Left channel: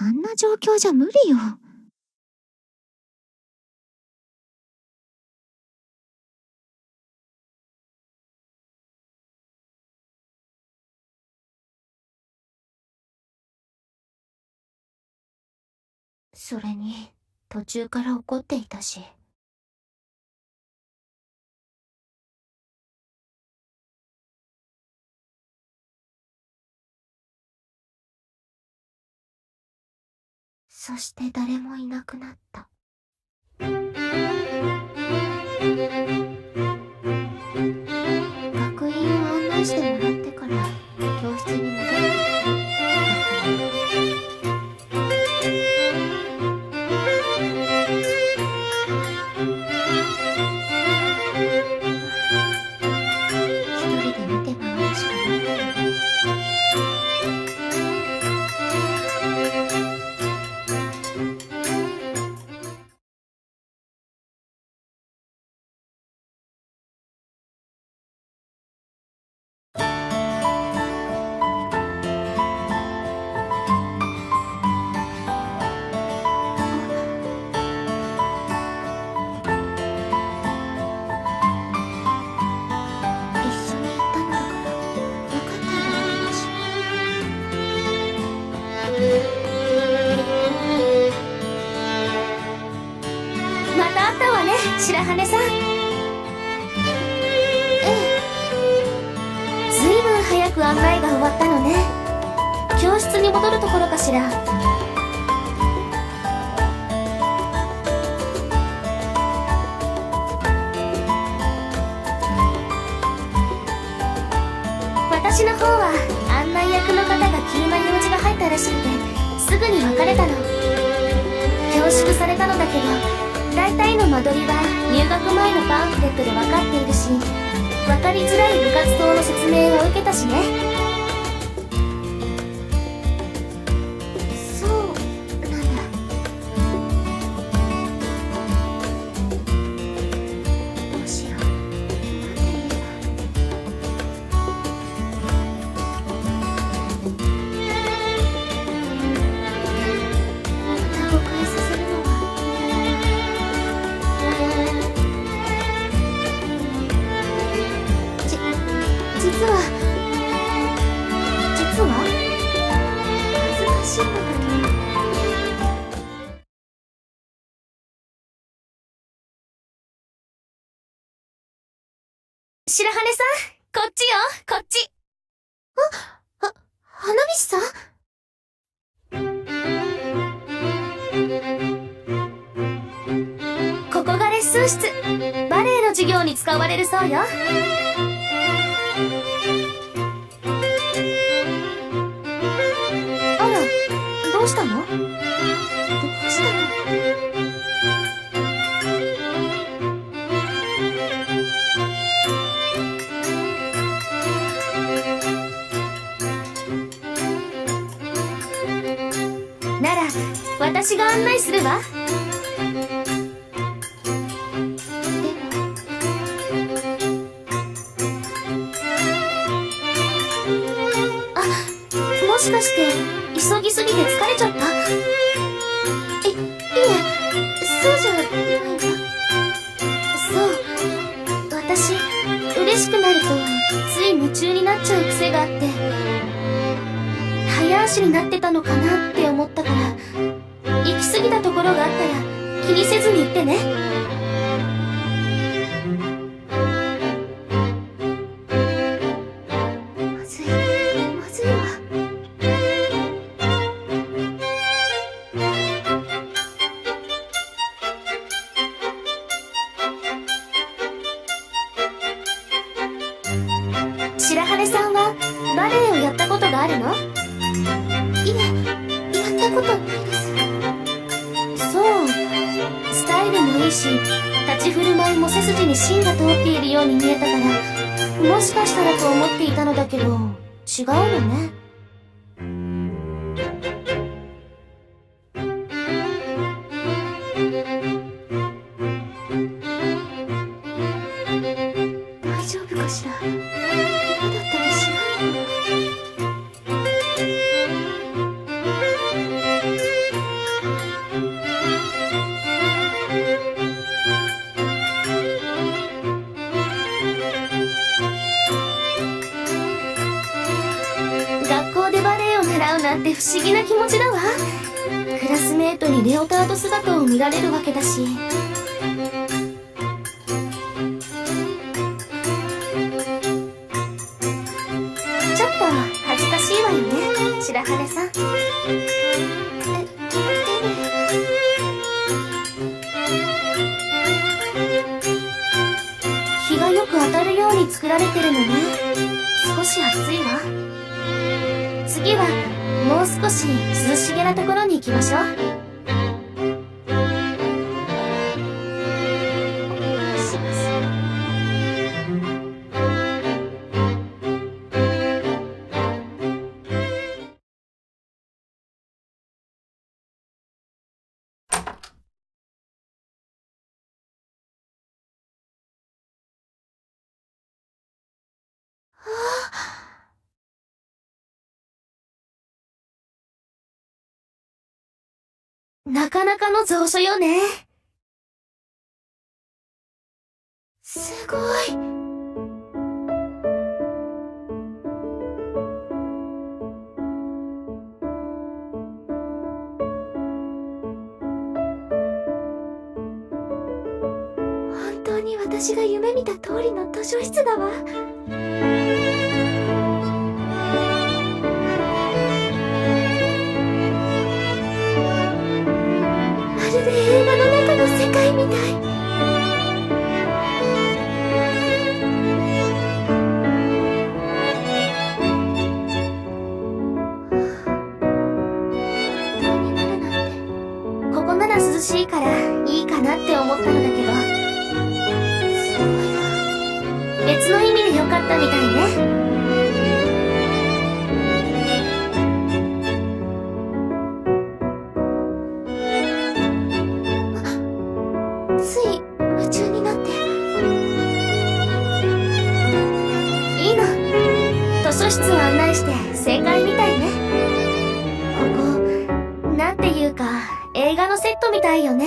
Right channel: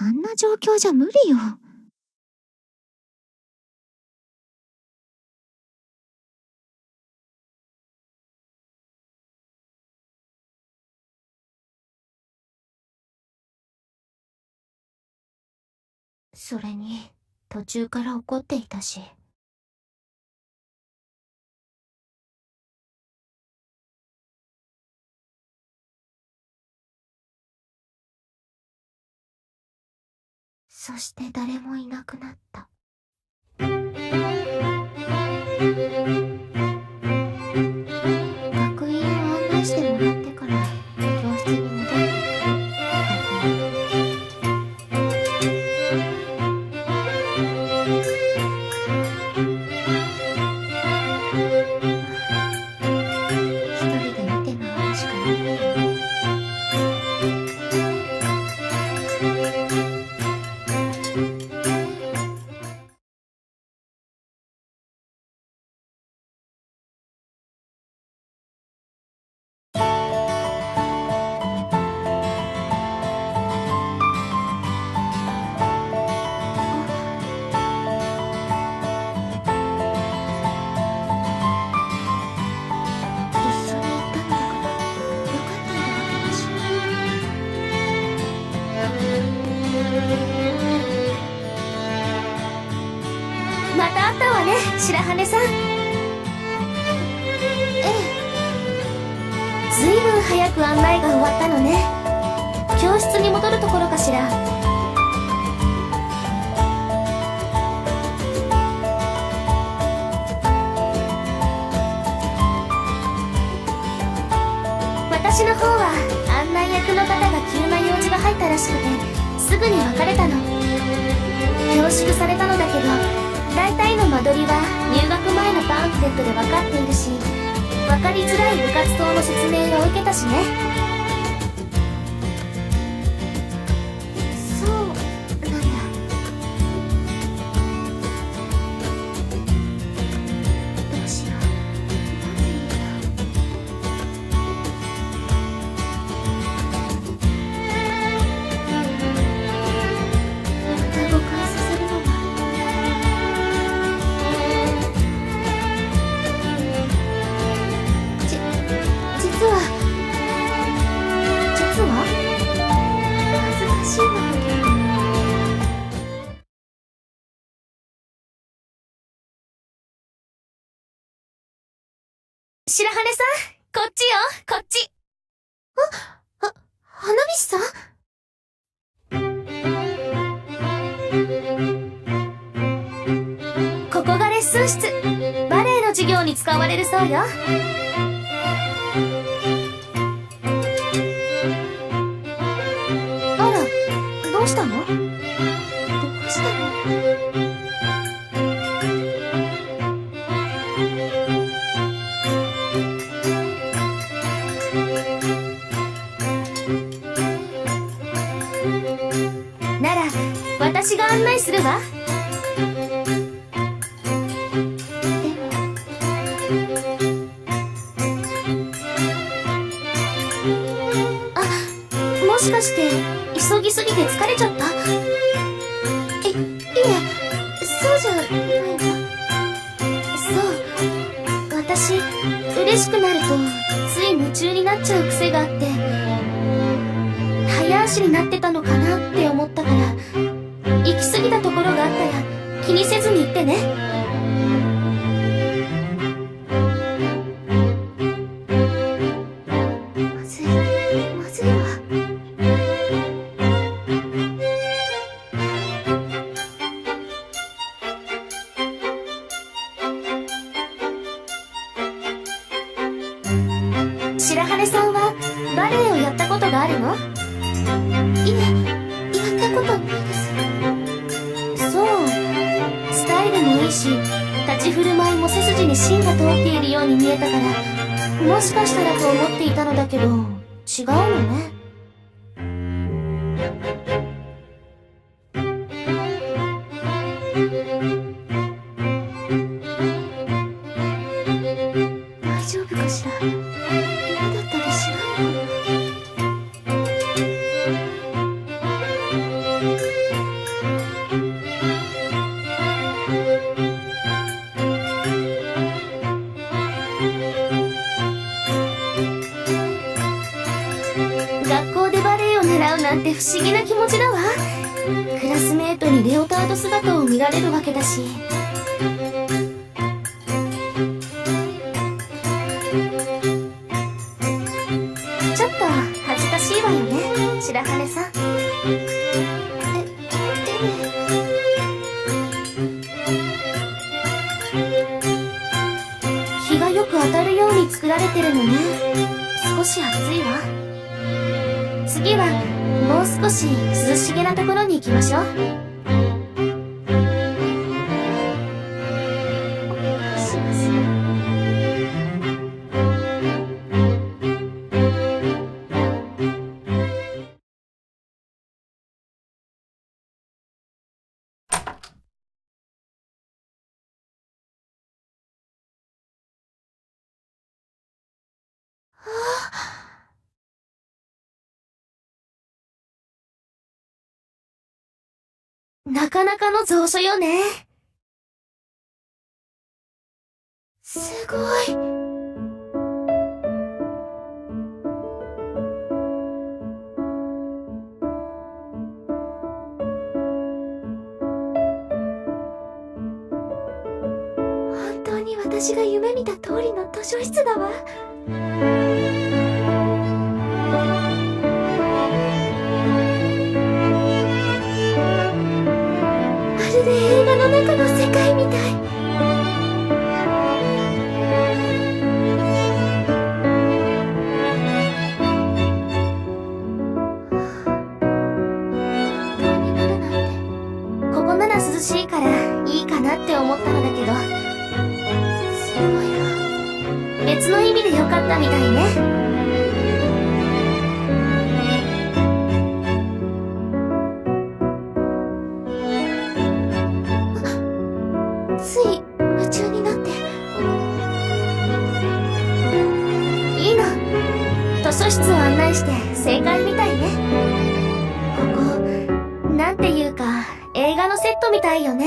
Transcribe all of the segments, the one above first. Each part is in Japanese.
あんな状況じゃ無理よ。それに、途中から怒っていたし。そして誰もいなくなった。白羽さん。ええ。ずいぶん早く案内が終わったのね。教室に戻るところかしら。私の方は案内役の方が急な用事が入ったらしくてすぐに別れたの。恐縮されたのだけど。大体の間取りは入学前のパンフレットで分かっているし分かりづらい部活動の説明は受けたしね。白羽さんこっちよこっち。ああ花火師さん？ここがレッスン室。バレエの授業に使われるそうよ。あらどうしたの？どうしたの？私が案内するわ。あもしかして急ぎすぎて疲れちゃった？いいえそうじゃないわそう。私嬉しくなるとつい夢中になっちゃう癖があって早足になってたのかなって思った。ころがあったら気にせずに言ってね。いし立ち振る舞いも背筋に芯が通っているように見えたからもしかしたらと思っていたのだけど違うのね。エを習うなんて不思議な気持ちだわ。クラスメートにレオタード姿を見られるわけだし。ちょっと恥ずかしいわよね白羽さん。え日がよく当たるように作られてるのね。少し暑いわ。次はもう少し涼しげなところに行きましょう。なかなかの蔵書よね。すごい。本当に私が夢見た通りの図書室だわ。たいよね。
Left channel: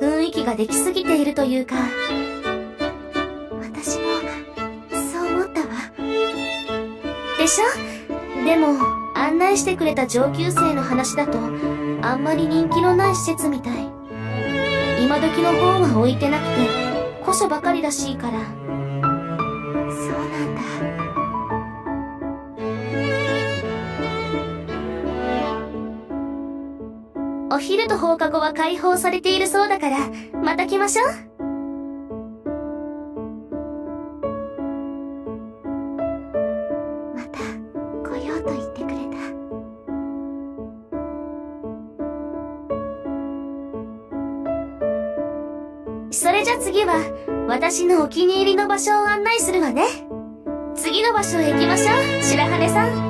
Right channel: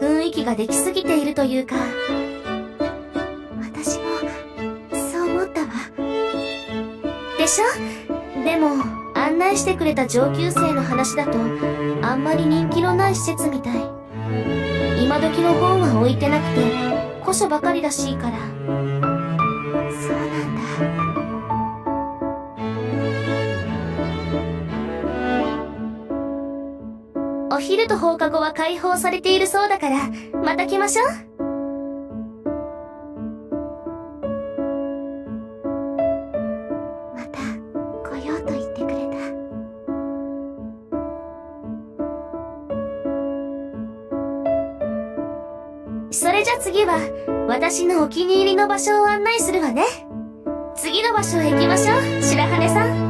雰囲気ができすぎているというか。私もそう思ったわ。でしょ？でも案内してくれた上級生の話だとあんまり人気のない施設みたい。今時の本は置いてなくて古書ばかりらしいから。そうなんだ。昼と放課後は開放されているそうだからまた来ましょう。また来ようと言ってくれた。それじゃ次は私のお気に入りの場所を案内するわね。次の場所へ行きましょう白羽さん。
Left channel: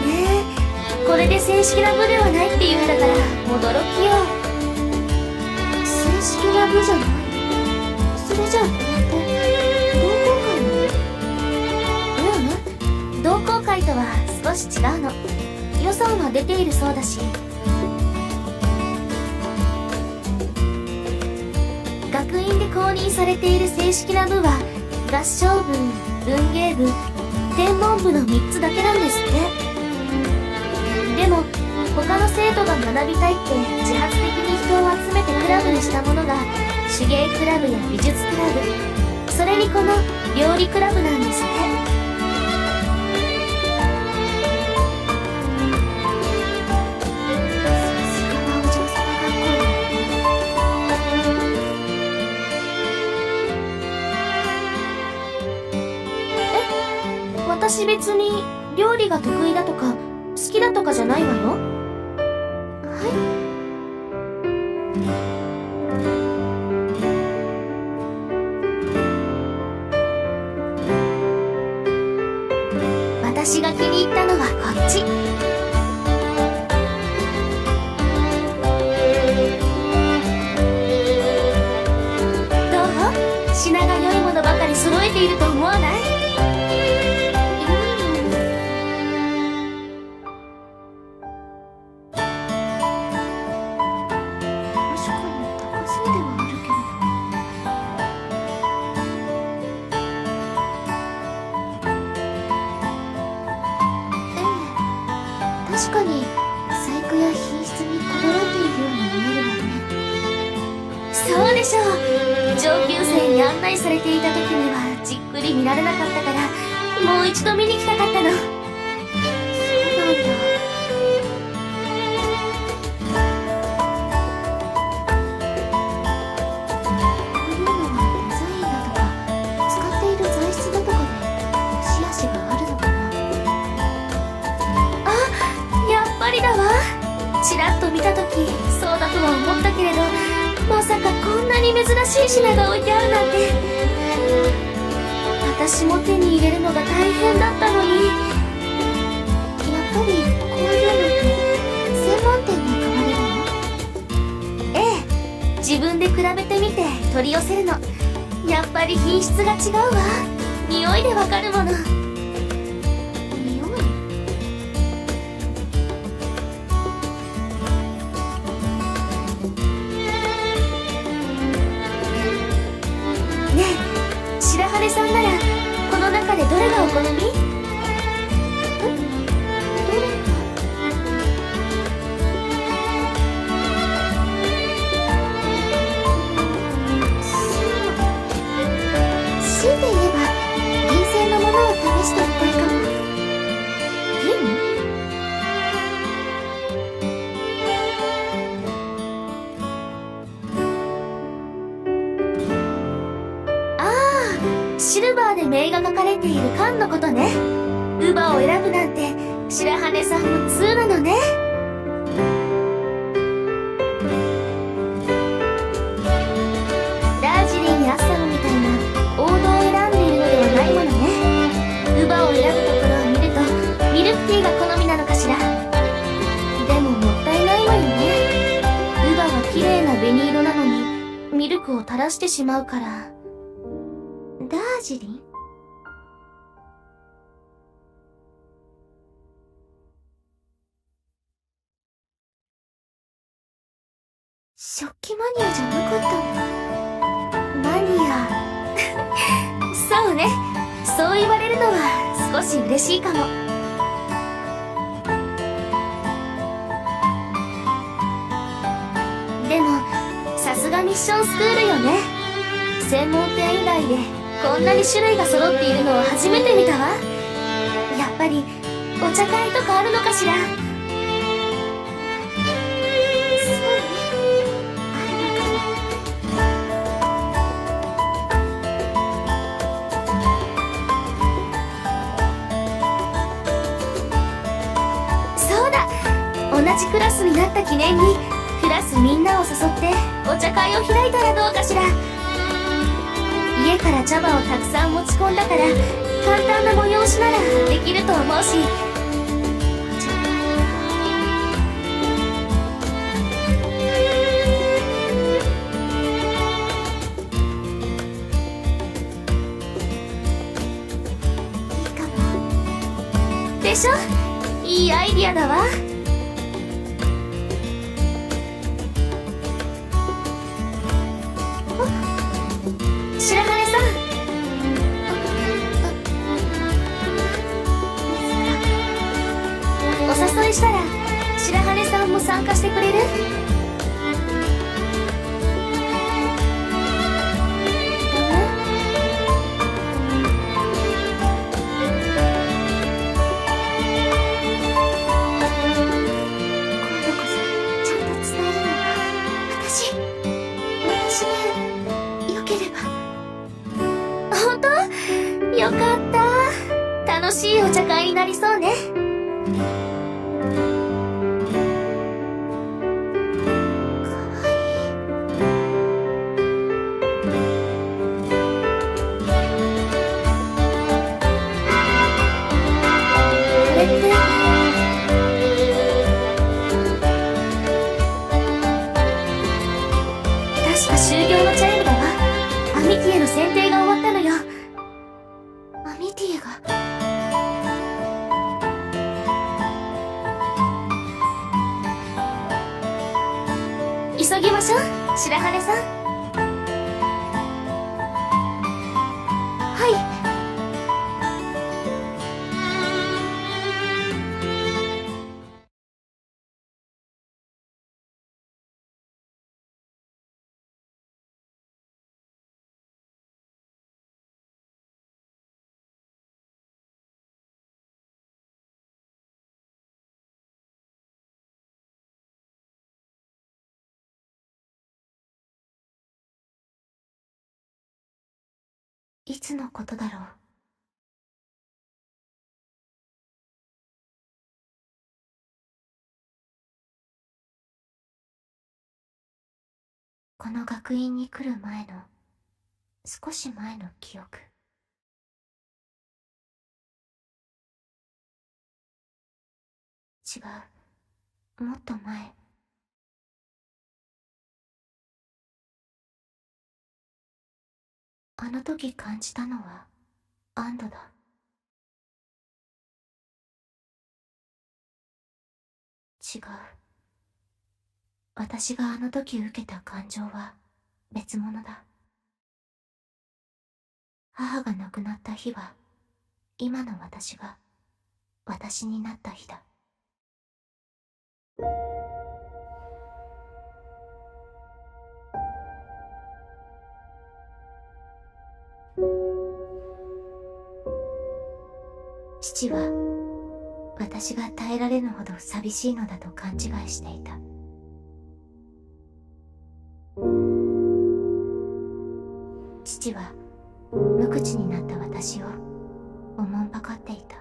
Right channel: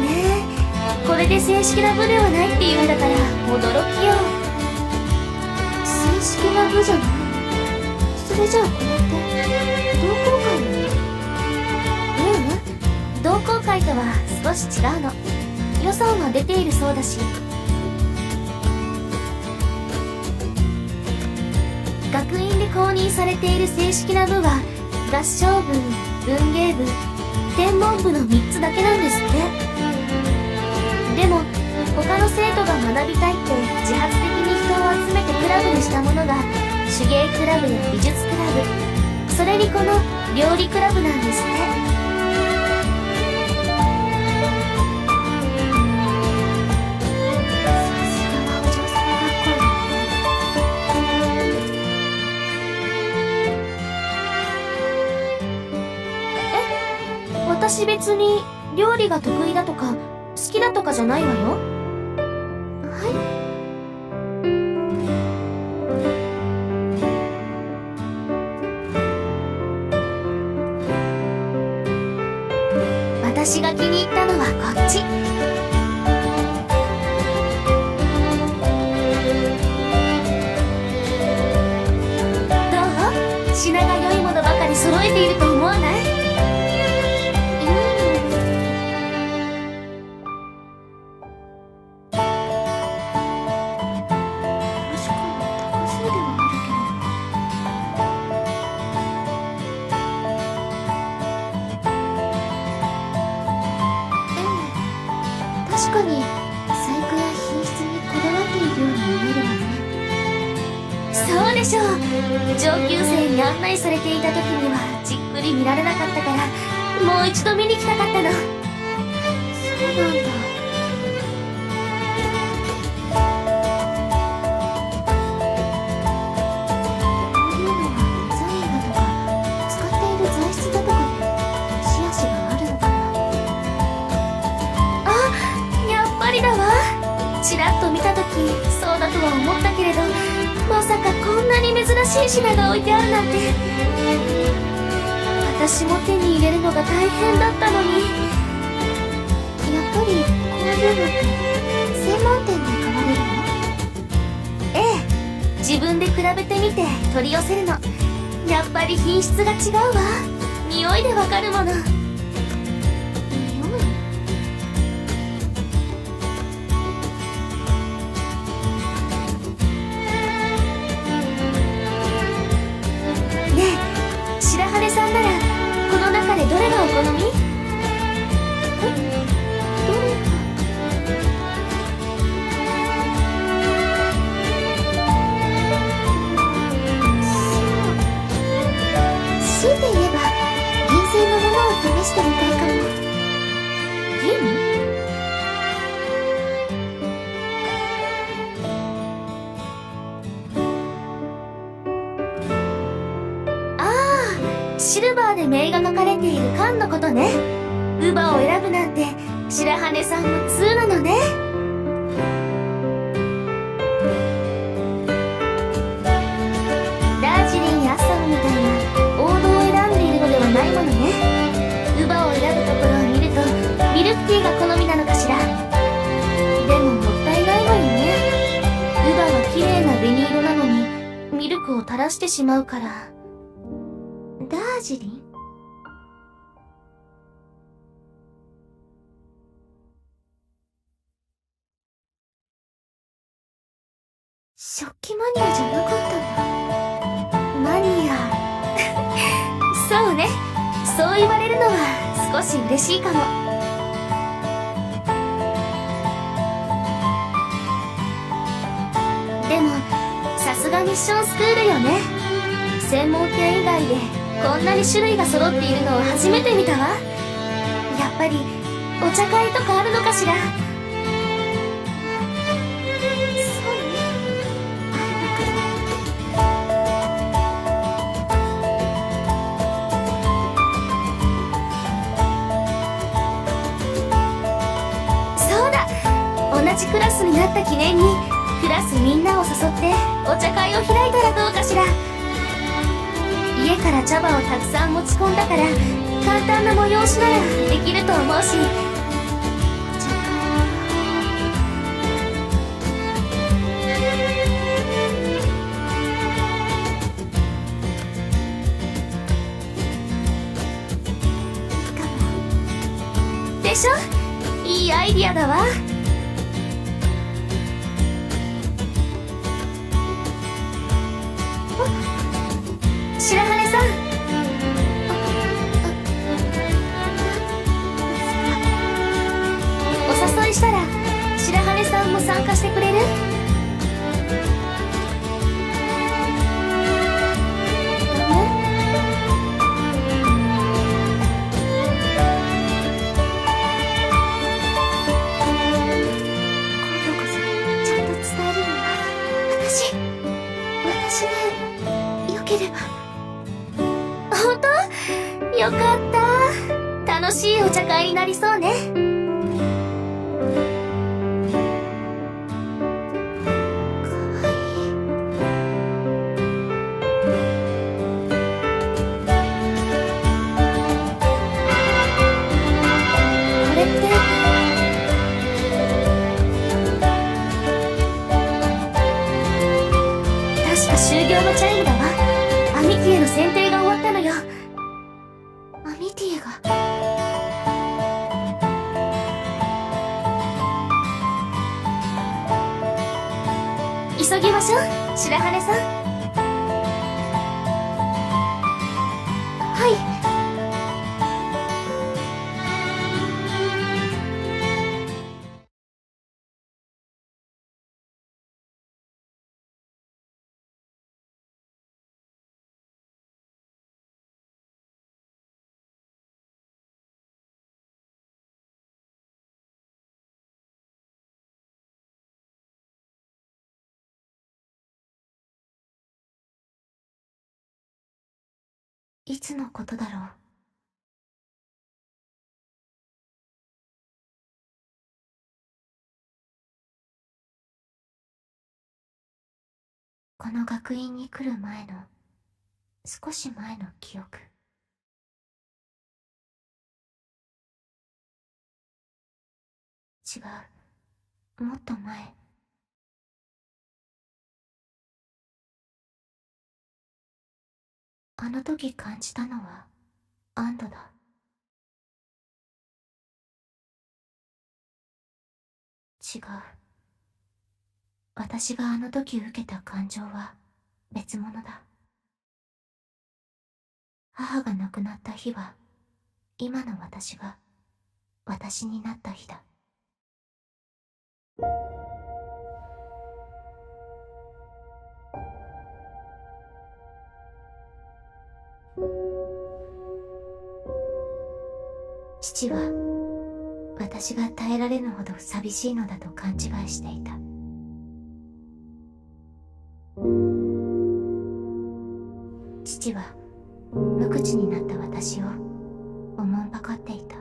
ね。これで正式な部ではないっていうんだから驚きよ。正式な部じゃない。それじゃあ違うの。予算は出ているそうだし。学院で公認されている正式な部は合唱部文芸部天文部の3つだけなんですって。でも他の生徒が学びたいって自発的に人を集めてクラブにしたものが手芸クラブや美術クラブ。それにこの料理クラブなんですって。私別に料理が得意だとか好きだとかじゃないわよ。はい。私が気に入ったのはこっち。どう？品が良いものばかり揃えていると上級生に案内されていた時にはじっくり見られなかったからもう一度見に来たかったの。しい品が置いてあるなんて。私も手に入れるのが大変だったのに。やっぱりこういうのって専門店に買われるの？ええ。自分で比べてみて取り寄せるの。やっぱり品質が違うわ。匂いでわかるもの。さんも通なのね。ダージリンやアッサムみたいな王道を選んでいるのではないものね。乳母を選ぶところを見るとミルクティーが好みなのかしら。でももったいないわよね。乳母は綺麗な紅色なのにミルクを垂らしてしまうから。ダージリン？マニアじゃなかったんだマニア。そうね。そう言われるのは少し嬉しいかも。でもさすがミッションスクールよね。専門店以外でこんなに種類が揃っているのは初めて見たわ。やっぱりお茶会とかあるのかしら？った記念にクラスみんなを誘ってお茶会を開いたらどうかしら。家から茶葉をたくさん持ち込んだから簡単な催しならできると思うし。お茶会いいかも。でしょ？いいアイディアだわ。いつのことだろう？この学院に来る前の少し前の記憶。違う。もっと前。あの時感じたのは安堵だ。違う。私があの時受けた感情は別物だ。母が亡くなった日は今の私が私になった日だ。父は私が耐えられぬほど寂しいのだと勘違いしていた。父は無口になった私をおもんぱかっていた。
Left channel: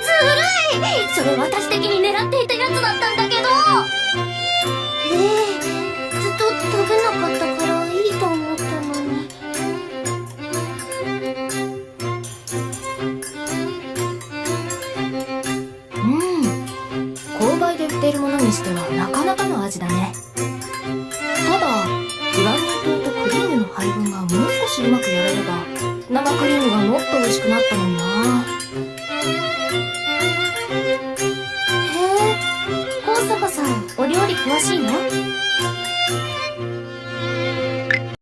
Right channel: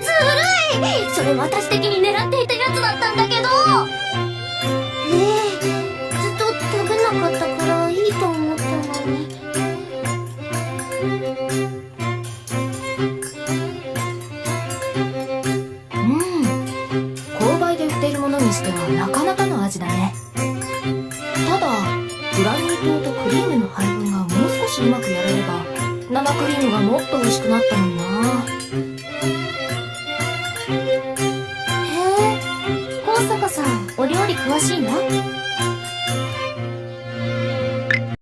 ずるい。それ私的に狙っていたやつだったんだけど。ええずっと解けなかったからいいと思ったのに。うん。購買で売っているものにしてはなかなかの味だね。ただグラニュー糖とクリームの配分がもう少しうまくやれれば生クリームがもっと美味しくなったのにな。